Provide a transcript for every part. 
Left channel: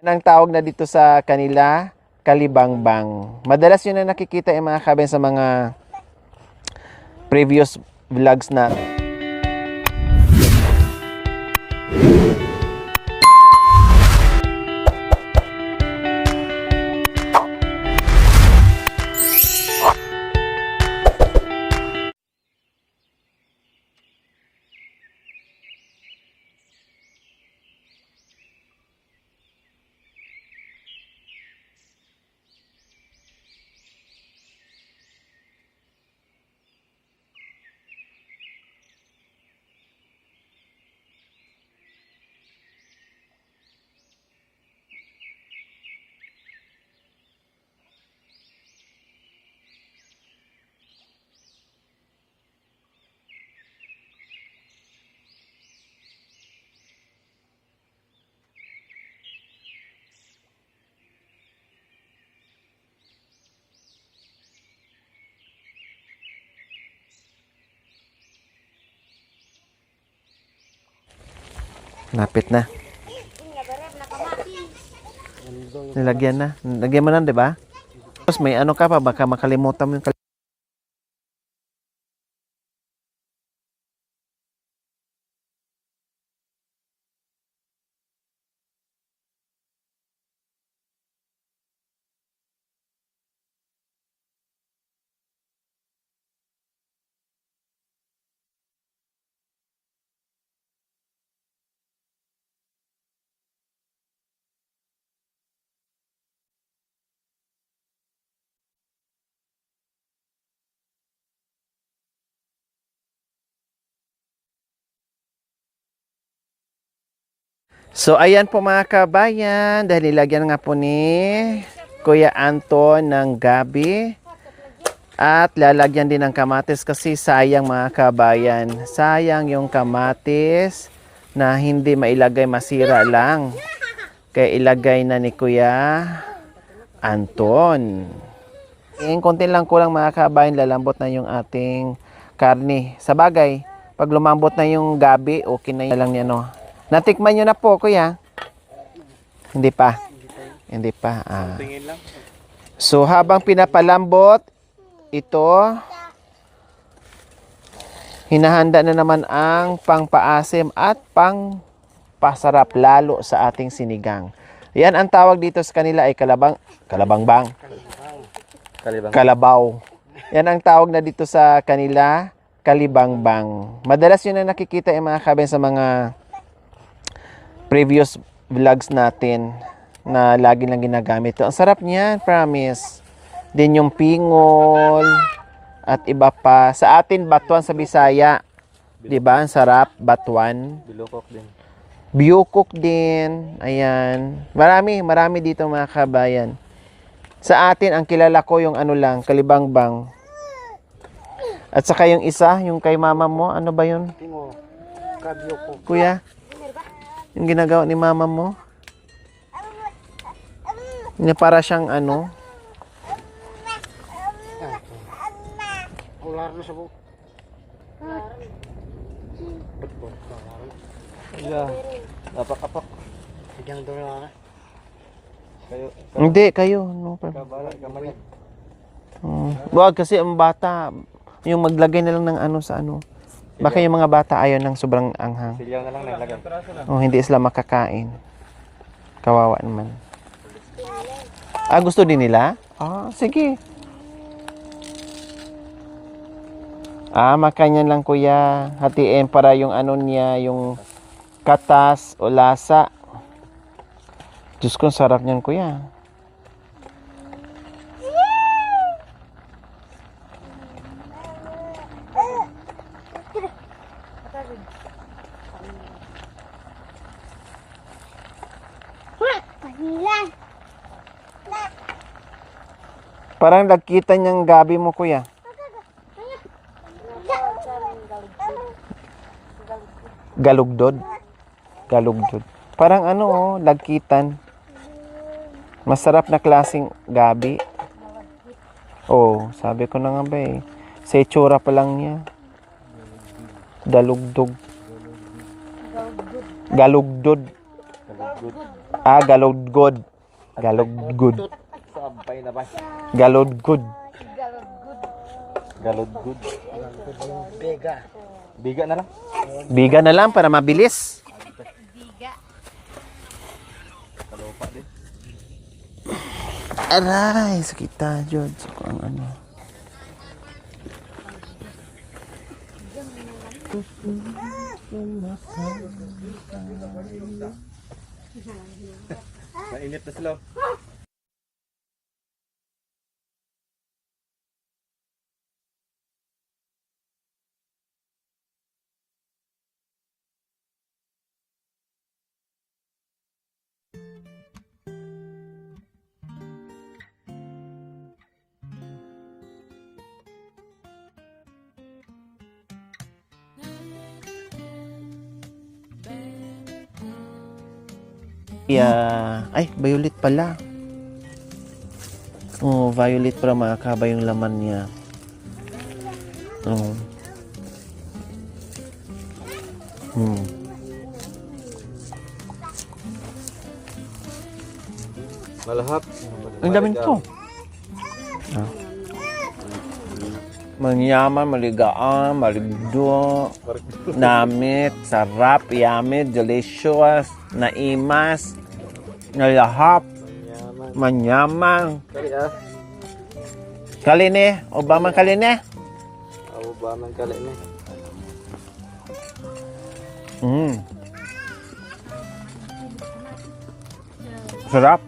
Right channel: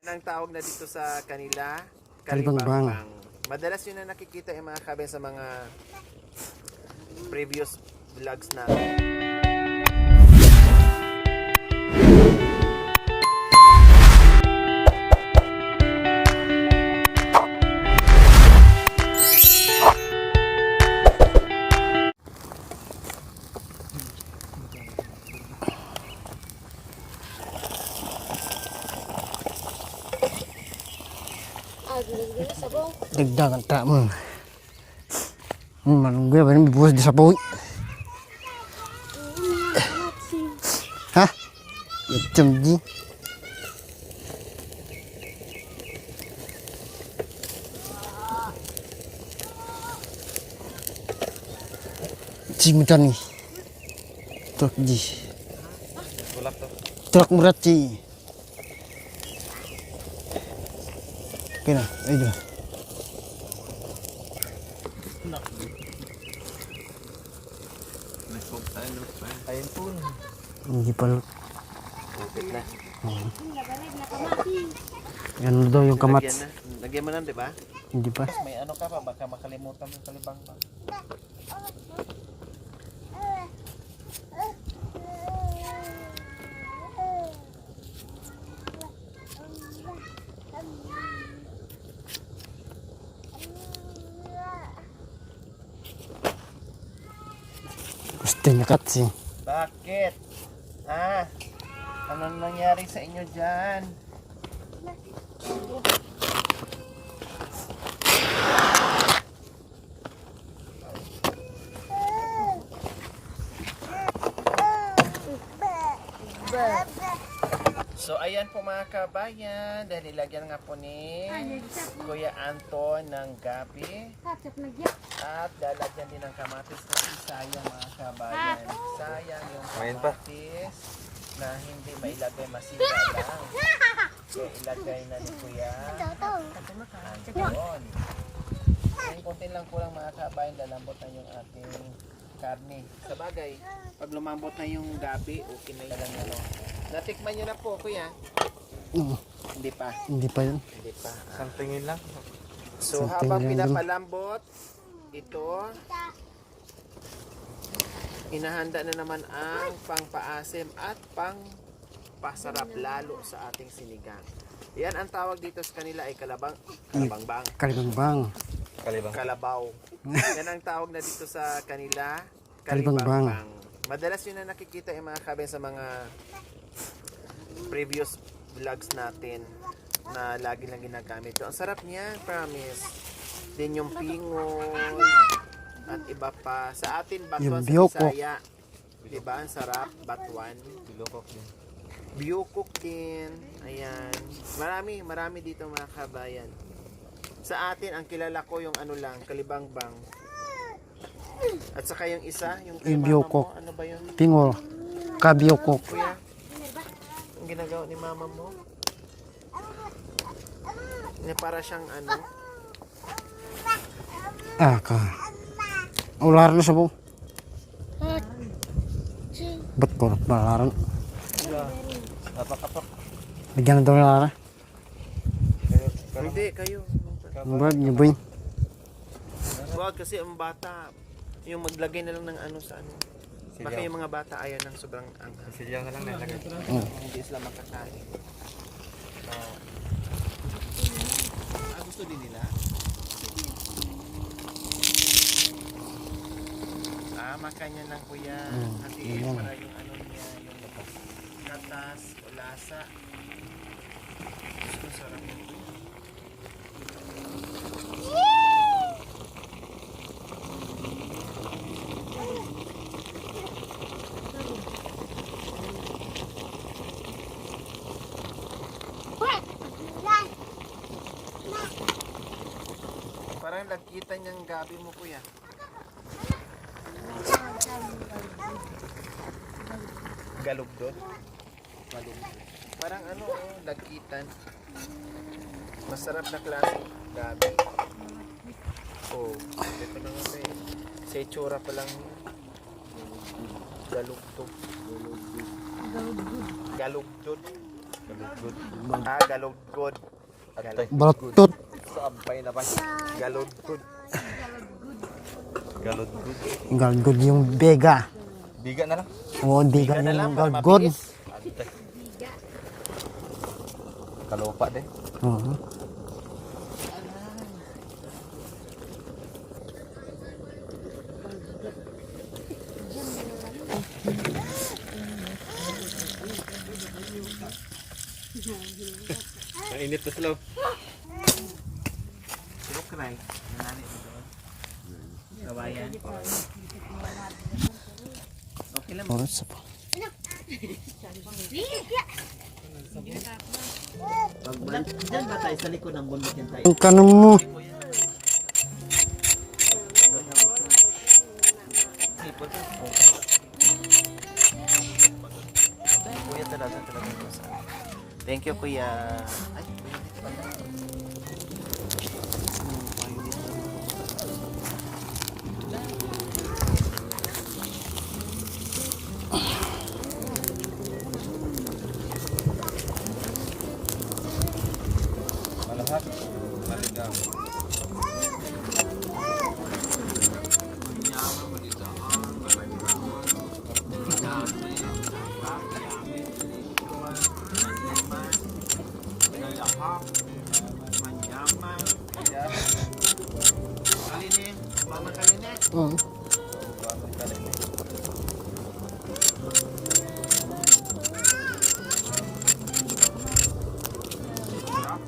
Yan ang tawag na dito sa kanila, kalibangbang. Madalas yun na nakikita yung mga kabayan sa mga previous vlogs natin. Dagdagan tak mo. Manunggu apa ni buat di sapu. Hah? Macam ni. Cik macam ni. Truk ji. Truk murat cik. Kena, ayo. Hindi pa. Napit na. Yan daw yung kamats. Lagyan na. Lagyan mo na, di ba? Hindi pa. Tapos may ano ka pa, baka makalimutan mo yung kalibangbang. Gusto niya katsi. Bakit? Ha? Ano nangyari sa inyo dyan? So ayan po mga kabayan, dahil nilagyan nga po ni Kuya Anton ng gabi. At lalagyan din ng kamatis kasi sayang mga kabayan. Sayang yung kamatis na hindi mailagay, masira lang. Kaya ilagay na ni Kuya Anton. Konti lang kulang mga kabayan, lalambot na yung ating karne. Sa bagay, pag lumambot na yung gabi, okay na yun lang yan. No? Natikman nyo na po, Kuya? Hindi pa? Hindi pa yun. Hindi pa. So habang pinapalambot, ito, hinahanda na naman ang pangpaasim at pangpasarap lalo sa ating sinigang. Yan ang tawag dito sa kanila ay kalabangbang. Kalabaw. Yan ang tawag na dito sa kanila, kalibangbang. Madalas yun na nakikita yung mga kabayan sa mga previous vlogs natin na lagi lang ginagamit. Ang sarap niyan, promise. Din yung pingol at iba pa. Sa atin, batuan sa Bisaya. Diba? Ang sarap, batuan. Biyukok din. Ayan. Marami dito mga kabayan. Sa atin, ang kilala ko yung ano lang, kalibangbang. At saka yung isa, yung kay mama mo, ano ba yun? Pingol. Kabiyoko. Kuya, yung ginagawa ni mama mo? Yung para siyang ano? Ka. Ular na sabu. Ba't po? Malaran. Apak-apak. Lagyan na daw na. Hindi, kayo. Brad, niyo ba yun? Wag kasi ang bata, yung maglagay na lang ng ano sa ano. Baka yung mga bata ayaw ng sobrang anghang. Silyang na lang nalagay. O hindi sila makakain. Kawawa naman. Gusto din nila? Sige. Makanyan lang kuya. Hatiin para yung ano niya, yung katas o lasa. Diyos ko, sarap niyan kuya. Parang nagkita niyang gabi mo kuya. Galugdod. Parang ano, lagkitan. Masarap na klaseng gabi. Sabi ko na nga ba eh. Sa itsura pa lang niya. Galugdod. Galodgod. Galodgod. Balot. Galodgod. Galodgod. Galgod yung bega. Biga na lang. Oo, Biga na lang para mabilis. Kalupa din. Oo. Aray, sakit na, George. Kung ano. Mainit na slow. Oras pa. Diyan ba tayo sa likod ng bundok yan tayo? Ang kanon mo. Thank you, Kuya. Ay, violet pala. Oh, violet para makakaba yung laman niya. Oh. Hmm. Malahap. Ang daming to. Manyaman, maligaan, maligdo, namit, sarap, yummy, delicious, naimas, nalahap, manyaman. Kaline, Obama kaline. Oo. Ako ba man kali ni? Mm. Sarap.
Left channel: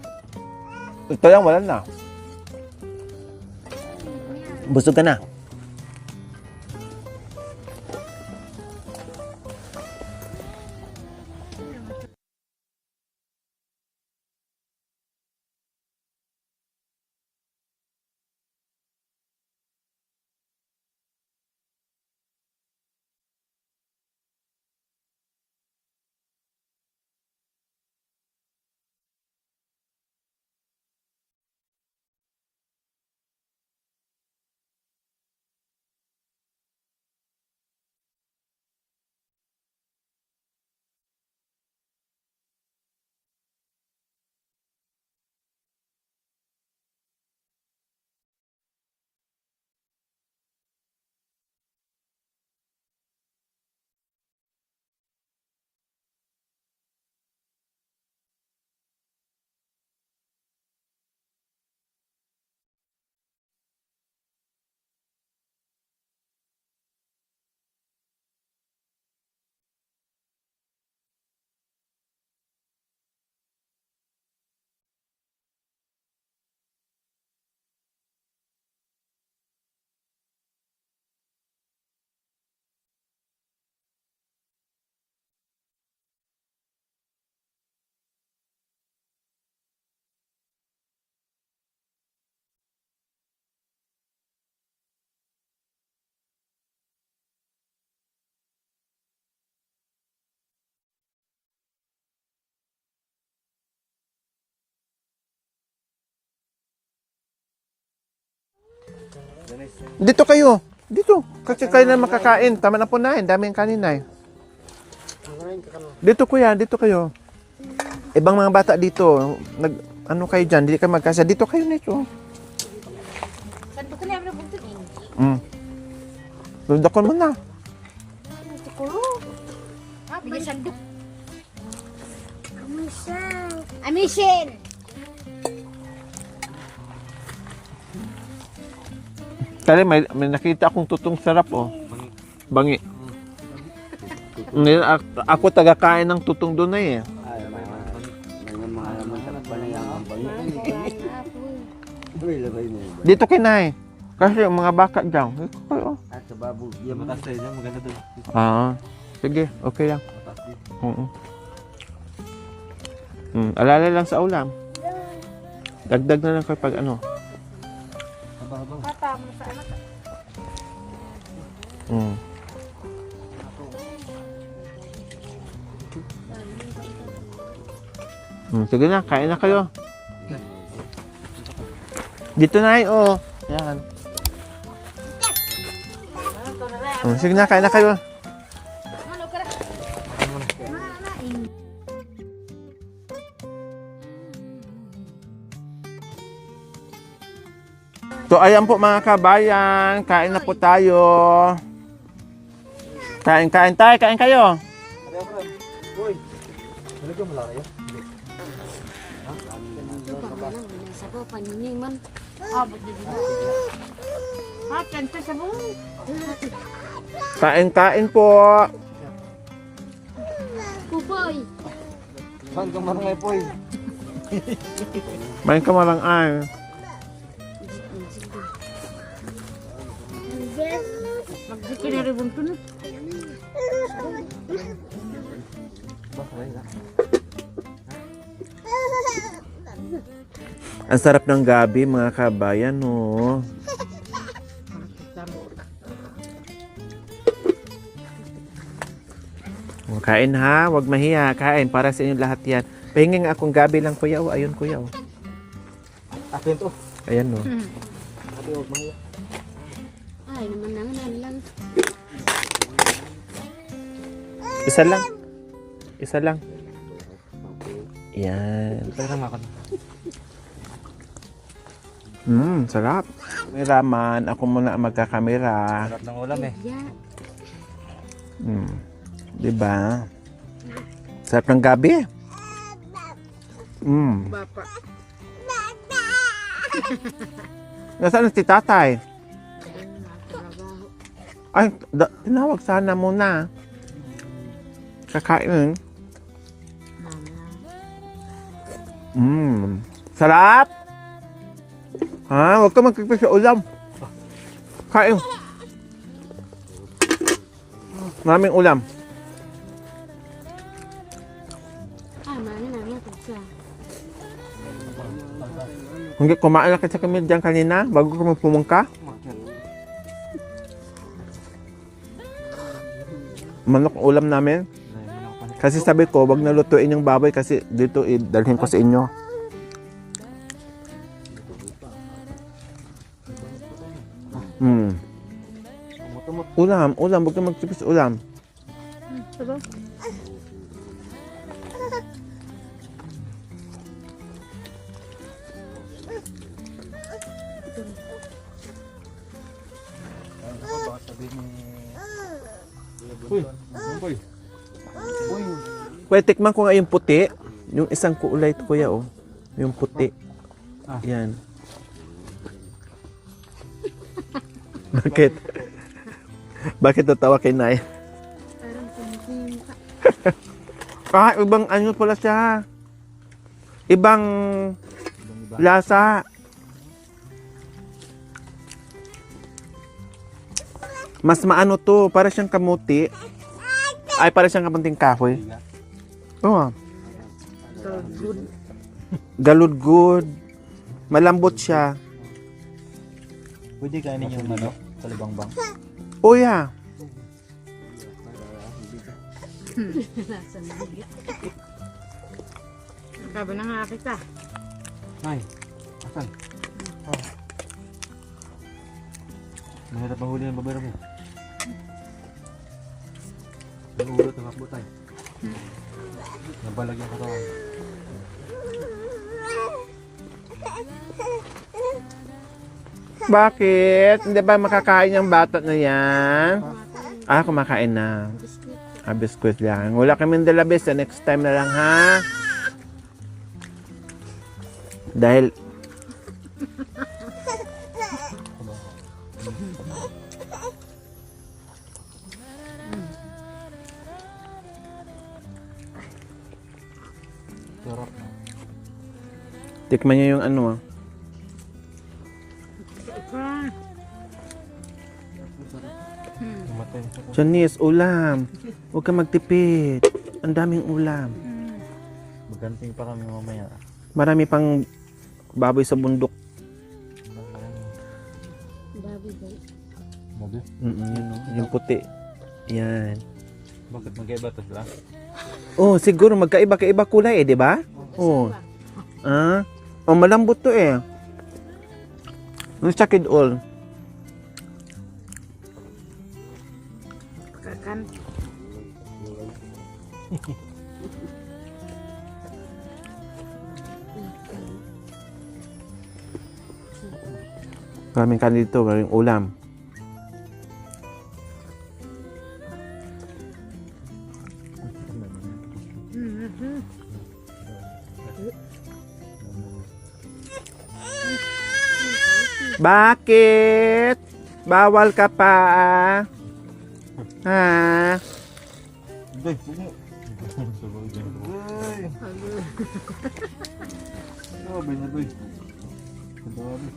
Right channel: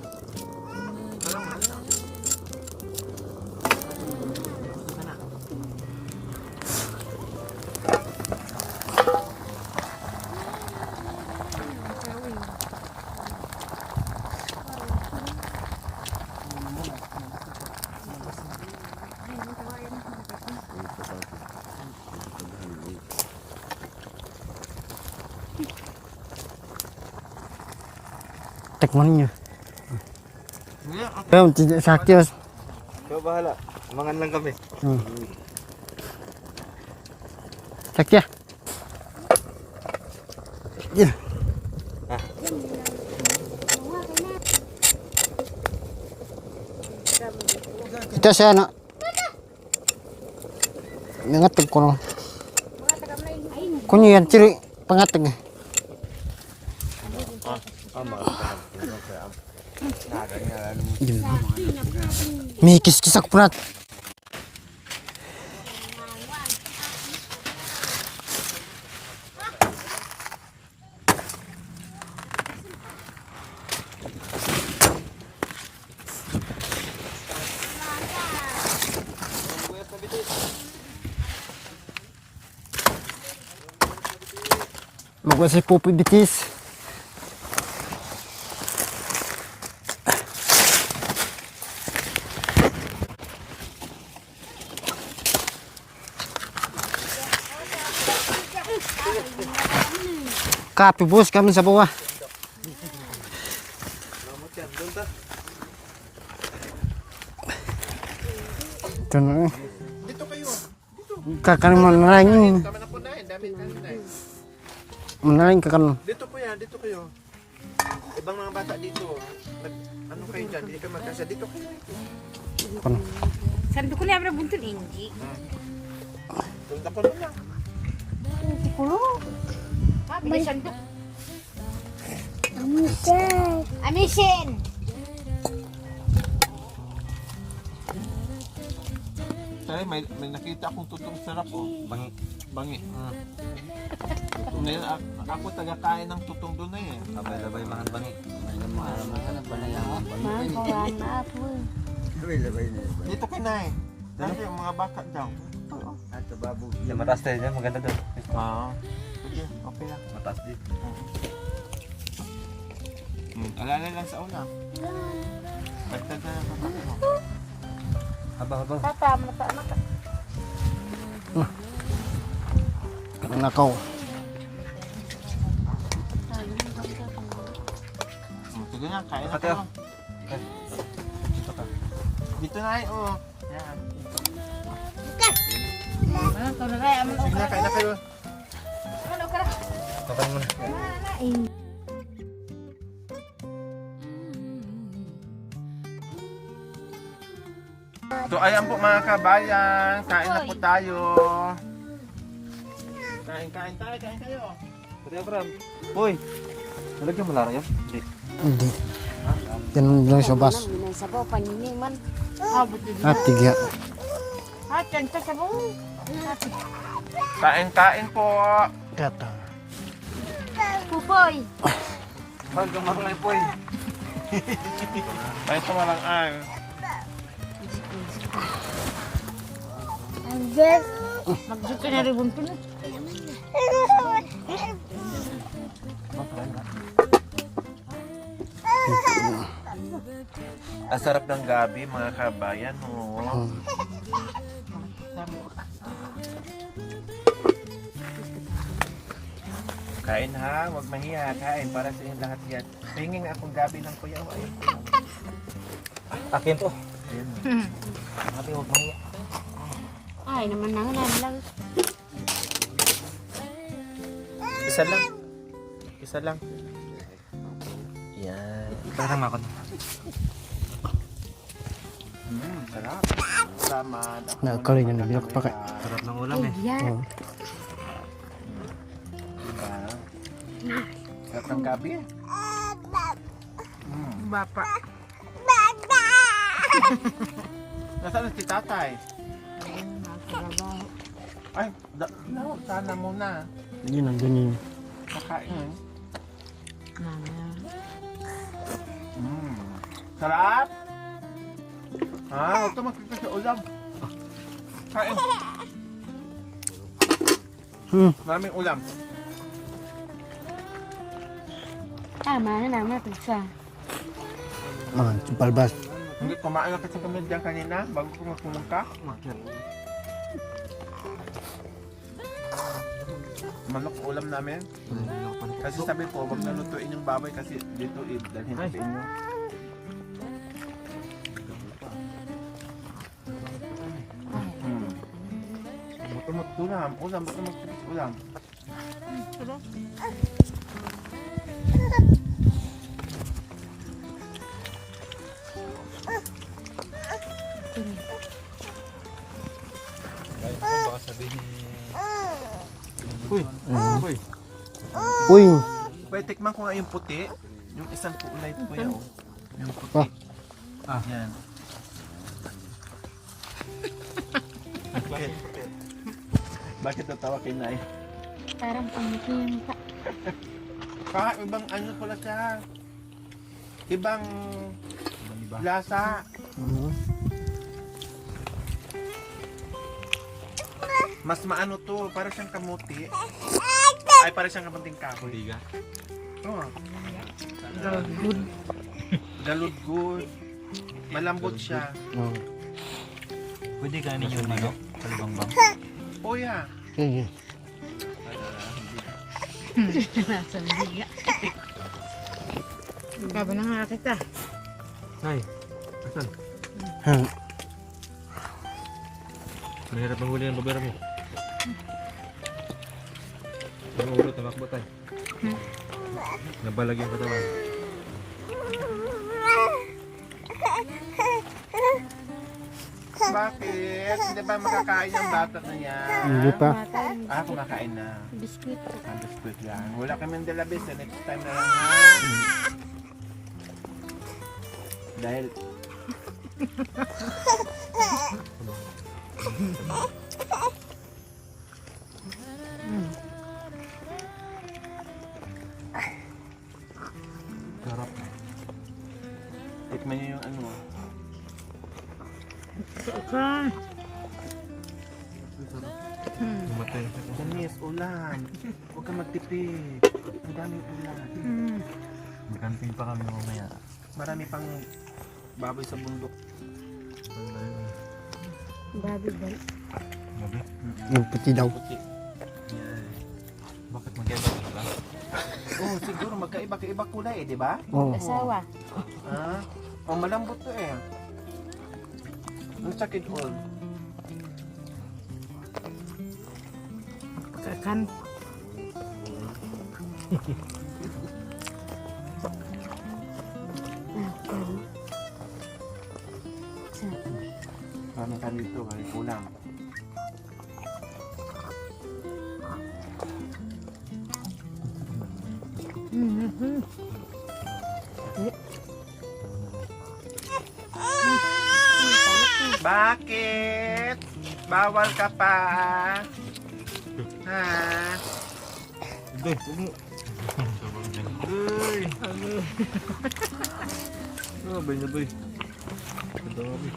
Ito lang, wala na. Busog ka na. Tekman niyo. Pero sakit. Ikaw bahala. Mangan lang kami. Sakit. Yan. Ito siya na. Nangatag ko no. Kunyo yan, ciri pangatag. May kis-kis ako prat. Magwa si Pupi Bitis. Kape bos kami sa bawah. Ito na. Dito kayo. Dito. Dito Kakain tayo na mo, makakain. makain. Tama na po na. Daming kanin na. Manain ka kan. Dito kuya, dito kayo. Ibang mga bata dito, ano kayo dyan, hindi kayo magkasa. Dito kayo nito. Sando ko niya abra buntul hindi. Dudakon mo na. Puro. May sando. Amishin. Kali may nakita akong tutong sarap oh. Bangi. Ako tagakain ng tutong doon na eh. Dito kinay. Kasi yung mga baka dyan. Yung mataas tayo dyan, maganda doon. Sige, okay lang. Mataas din. Alala lang sa ulam. Dagdag na lang kapag ano. Habang. Papa, masa anak. Nakaw. Sige na, kain na kayo. Dito na yun, oh. Yan. Sige na, kain na kayo. Ano ka na? Mana So ayan po mga kabayan, kain na po tayo. Kain tayo, kain kayo. Uy! Wala ka pala kayo? Hindi. Yan lang sa bas. Sabaw pa ni man. At tigya. Kan pa sabaw. Kain po. Kata. Pupoy. Saan kang marangay po eh? May kamalang ay. Magdito na rin bunto na. Ang sarap ng gabi mga kabayan, no. Kain ha, wag mahiya, kain para sa inyo lahat yan. Pahingin nga akong gabi lang kuya, oh. Ayun kuya, oh. Akin to. Ayan, no. Ate, huwag mahiya. Ay, naman na lang. Isa lang. Isa lang. Yan. Parang ako. Sarap. May laman. Ako muna ang magkakamera. Sarap ng ulam eh. Yan. Diba? Sarap ng gabi. Bapa. Nasaan si tatay? Ay, tinawag sana muna. Yun ang ganyan. Kakain. Sarap! Ha? Huwag ka magpipis sa ulam. Kain. Maraming ulam. Mana na pizza. Ah, palbas. Hindi, kumain na kasi kami dyan kanina bago ka magpumungka. Manok ulam namin. Kasi sabi ko, wag nalutuin yung baboy kasi dito dalhin ko sa inyo. Ulam, wag ka magtipis ulam. Uy, Kuya, tikman ko nga yung puti. Yung isang kulay ito, kuya, oh. Yung puti. Yan. Bakit? Bakit natawa kay Nay? Parang pangkin. Ibang ano pala siya. Ibang lasa. Mas maano to, para siyang kamuti. Ay, para siyang kamunting kahoy. Oo. Galudgod. Malambot siya. Pwede kainin yung manok, kalibangbang. Oh, yeah. Gaba na nga kita. Ay, asan? Mahirap manghuli ng babero mo. Nag-uurot na makbo tayo. Nabalag yung katawan. Bakit? Hindi ba makakain yung bata na yan? Hindi pa. Kumakain na. Biskuit. Biskuit lang. Wala kaming dalabis. Next time na lang, ha? Dahil... Tikman niyo yung ano, Matay. Janice, ulam. Huwag ka magtipid. Ang daming ulam. Magkanting pa kami mamaya. Marami pang baboy sa bundok. Babi ba? Gabi? Yung puti daw. Yung puti. Yan. Bakit mag-iba ito sila? Oh, siguro magkaiba-kaiba kulay di ba? Oo. Ah? Oh, malambot to eh. Check it all. Kakan. Maraming kanin dito, maraming ulam. Bakit? Bawal ka pa. Ha? Bay, huwag mo. Bay. Na bay. Ganda nga bay.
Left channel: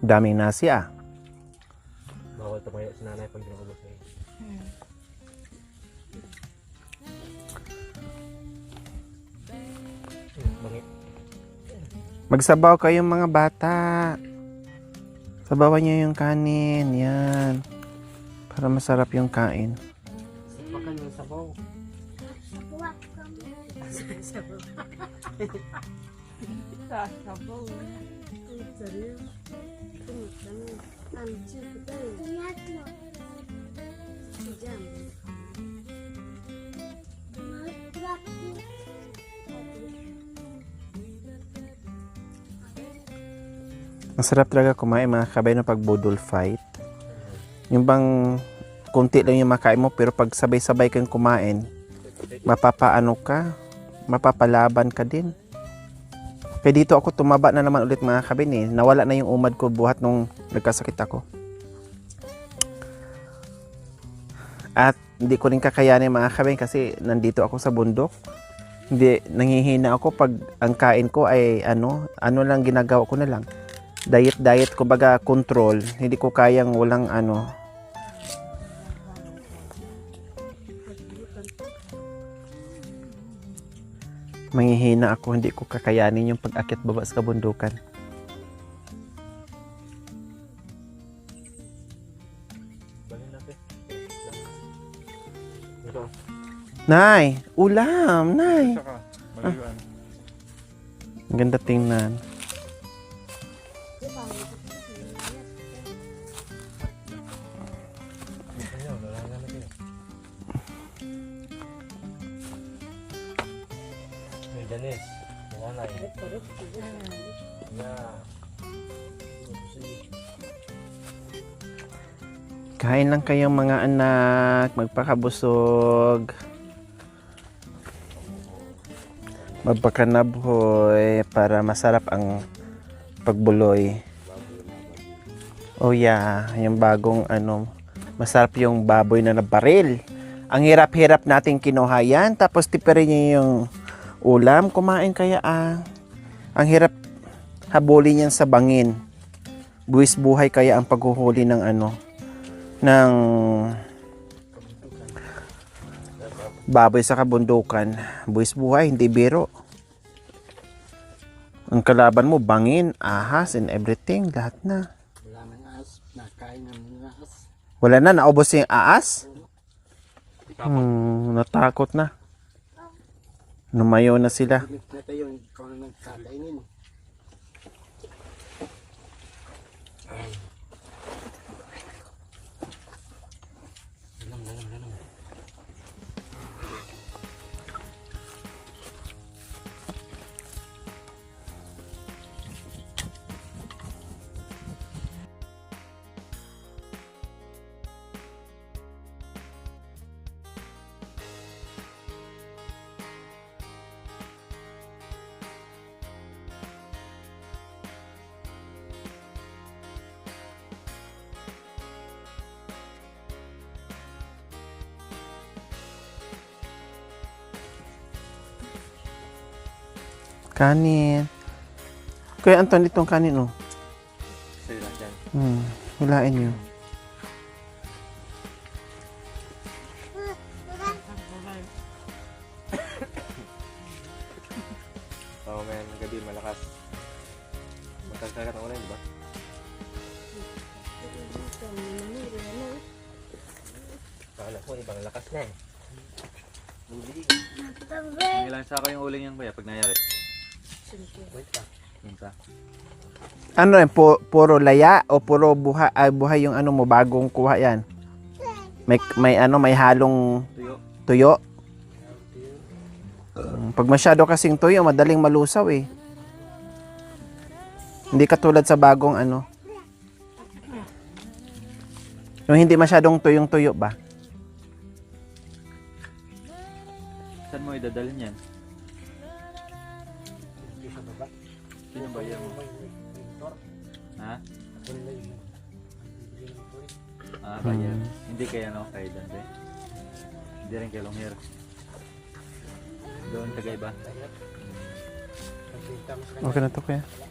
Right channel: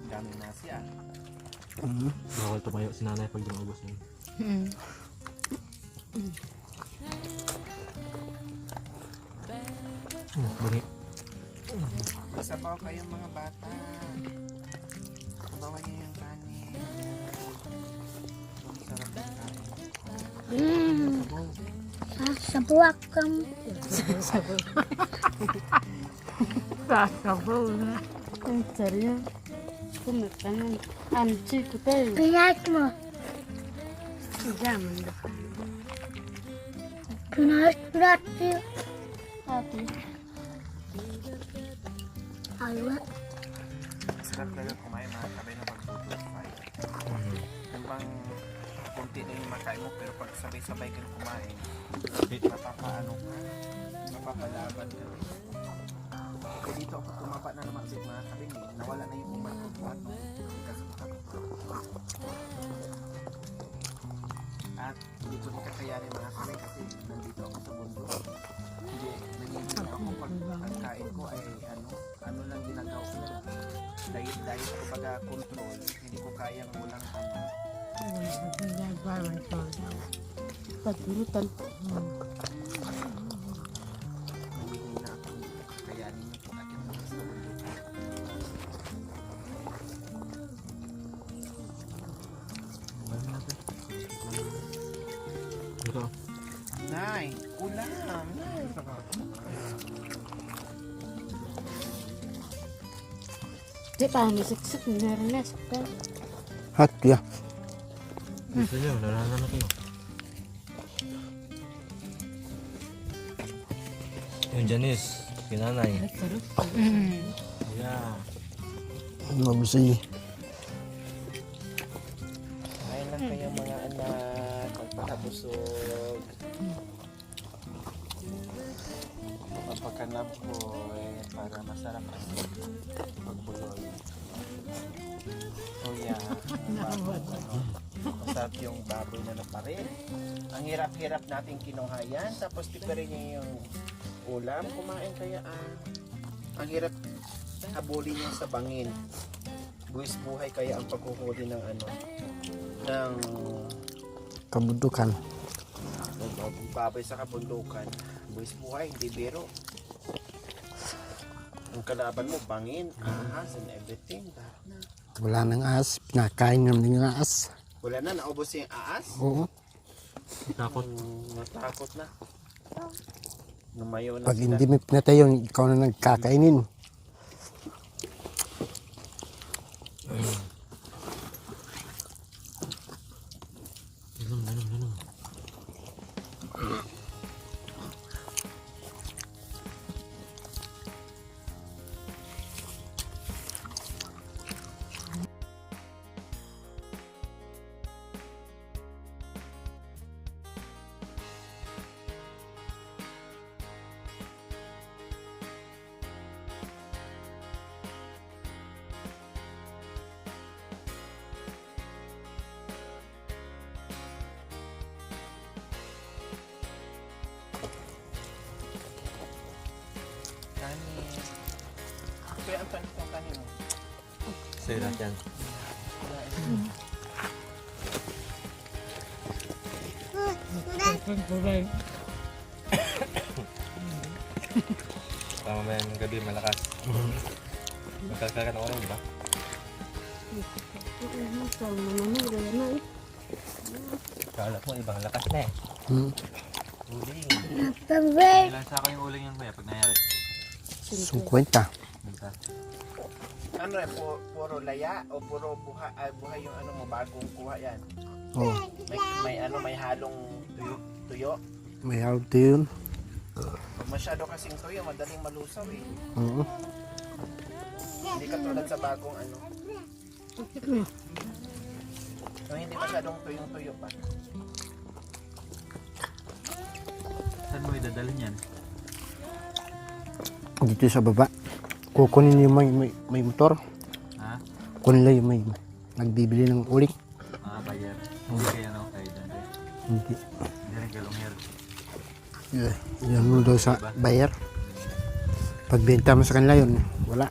Daming nasi ah. Bawal tumayo si nanay pag di maubos na yun. Balik. Magsabaw kayong mga bata. Sabawan niyo yung kanin. Yan. Para masarap yung kain. Sabuak kami. Sasabaw na. Ang sarap. Kumakain. Anchi ko tayo. Pinat mo. Jaman na. Pinat mo. Alwat. Masarap talaga kumain mga kabay na pag budol fight. Yung bang kunti lang yung makain mo pero pag sabay-sabay kang kumain, mapapaano ka, mapapalaban ka din. Kaya dito ako tumaba na naman ulit mga kabin eh. Nawala na yung umad ko buhat nung nagkasakit ako. At hindi ko rin kakayanin mga kabin kasi nandito ako sa bundok. Hindi, nangihina ako pag ang kain ko ay ano lang ginagawa ko na lang. Diet, kumbaga control. Hindi ko kayang walang ano. Manghihina ako, hindi ko kakayanin yung pag-akyat baba sa kabundukan. Nay, ulam, Nay. Ang ganda tingnan. Di pa ang siksik na rin. Hat ya. Gusto nyo, nalaman na kayo. Yung Janice, pinanay. Yeah. Mabisi. Kain lang kayong mga anak, magpakabusog. Magpakanabhoy para masarap ang pagbuloy. Oh yeah, yung bagong masarap yung baboy na nabaril. Ang hirap-hirap nating kinuha yan, tapos tipirin niyo yung ulam, kumain kaya Ang hirap habulin yan sa bangin. Buwis buhay kaya ang paghuhuli ng ng Kabundukan. baboy sa kabundukan. Buwis buhay, hindi biro. Ang kalaban mo, bangin, ahas, and everything, lahat na. Wala nang as. Pinakain naman ng as. Wala na, naubos yung aas. Oo. Natakot na. Lumayo na Pag sila. hindi mo pinatay yun, ikaw na nagkakainin. Kanin. Kuya Anton, itong kanin, oh. Sa'yo lahat yan. Hilain yun. Mamayang gabi, malakas. Magkakaya ka na ulit, di ba? Kala mo, ibang lakas na eh. Uling. Pabay. Ilan sa yung uling yan kuya pag nangyari? 50. Minta. Ano yan, puro laya o puro buhay yung mo, bagong kuha yan? Oh. May halong Tuyo. tuyo. May out yun. Pag masyado kasing tuyo, madaling malusaw eh. Oo. Hindi katulad sa bagong ano. Yung hindi masyadong tuyong-tuyo ba? Saan mo idadalhin yan? Dito sa baba. Kukunin yung may motor. Ha? Kunin lang yung may nagbibili ng uling. Ah, kaya. Hindi kaya naman kayo dyan. Hindi. Hindi rin kayo lumir. Yan mo doon sa bayar. Pagbenta mo sa kanila yun, wala.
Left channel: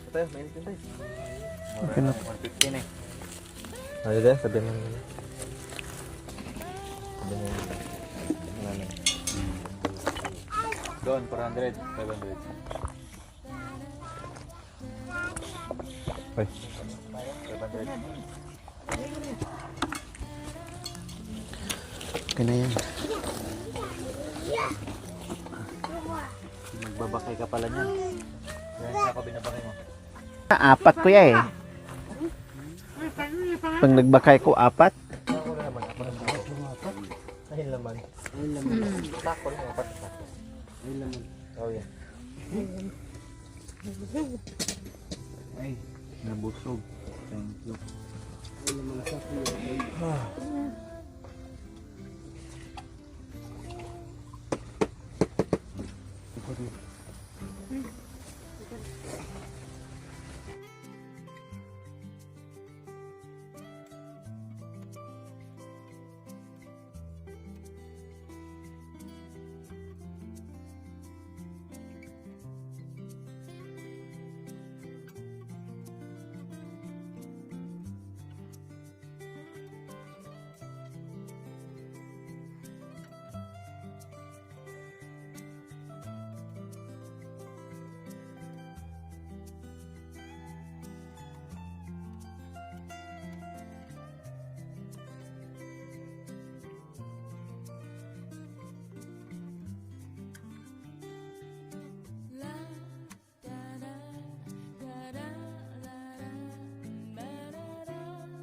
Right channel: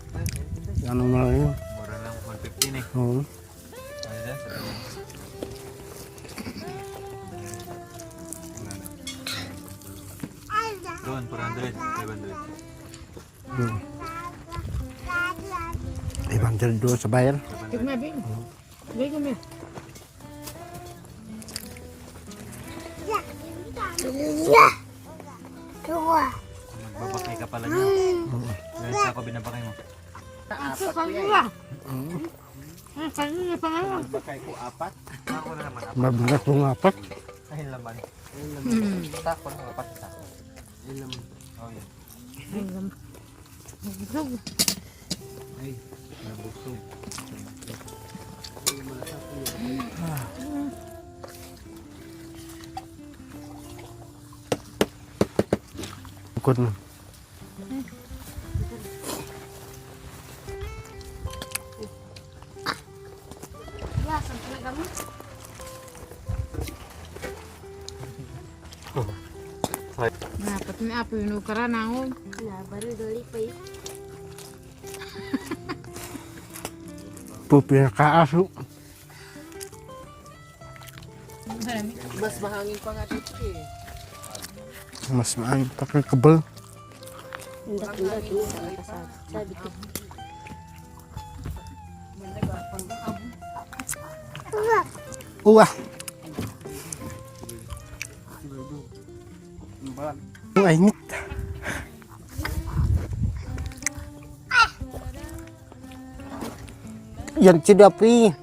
Ano mo lang yun. 115 eh. Oo. Sabi din, sabi mo. Doon, 400, 700. 500 doon sa bayar. 700. Kaya yan. Magbabakay ka pala niya. Dahil sa ako binabakay mo. Apat ko ya eh. Pag nagbakay ko, 4. Mabigat mo nga pa. Ayun laman. Ayun laman. Tako lang, apat. Ayun laman. Oh, yan. Ay, nabusog. Thank you. Ikot mo. Dapat may apo yung ukaran ako. Pupi na kaaso. Mas mahangin pa nga dito eh. Mas maayos pa kang kabal. Uwah. Ang ainit. Yan si Dapi.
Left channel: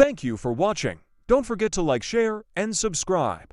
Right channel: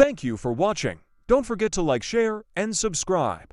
Thank you for watching. Don't forget to like, share, and subscribe.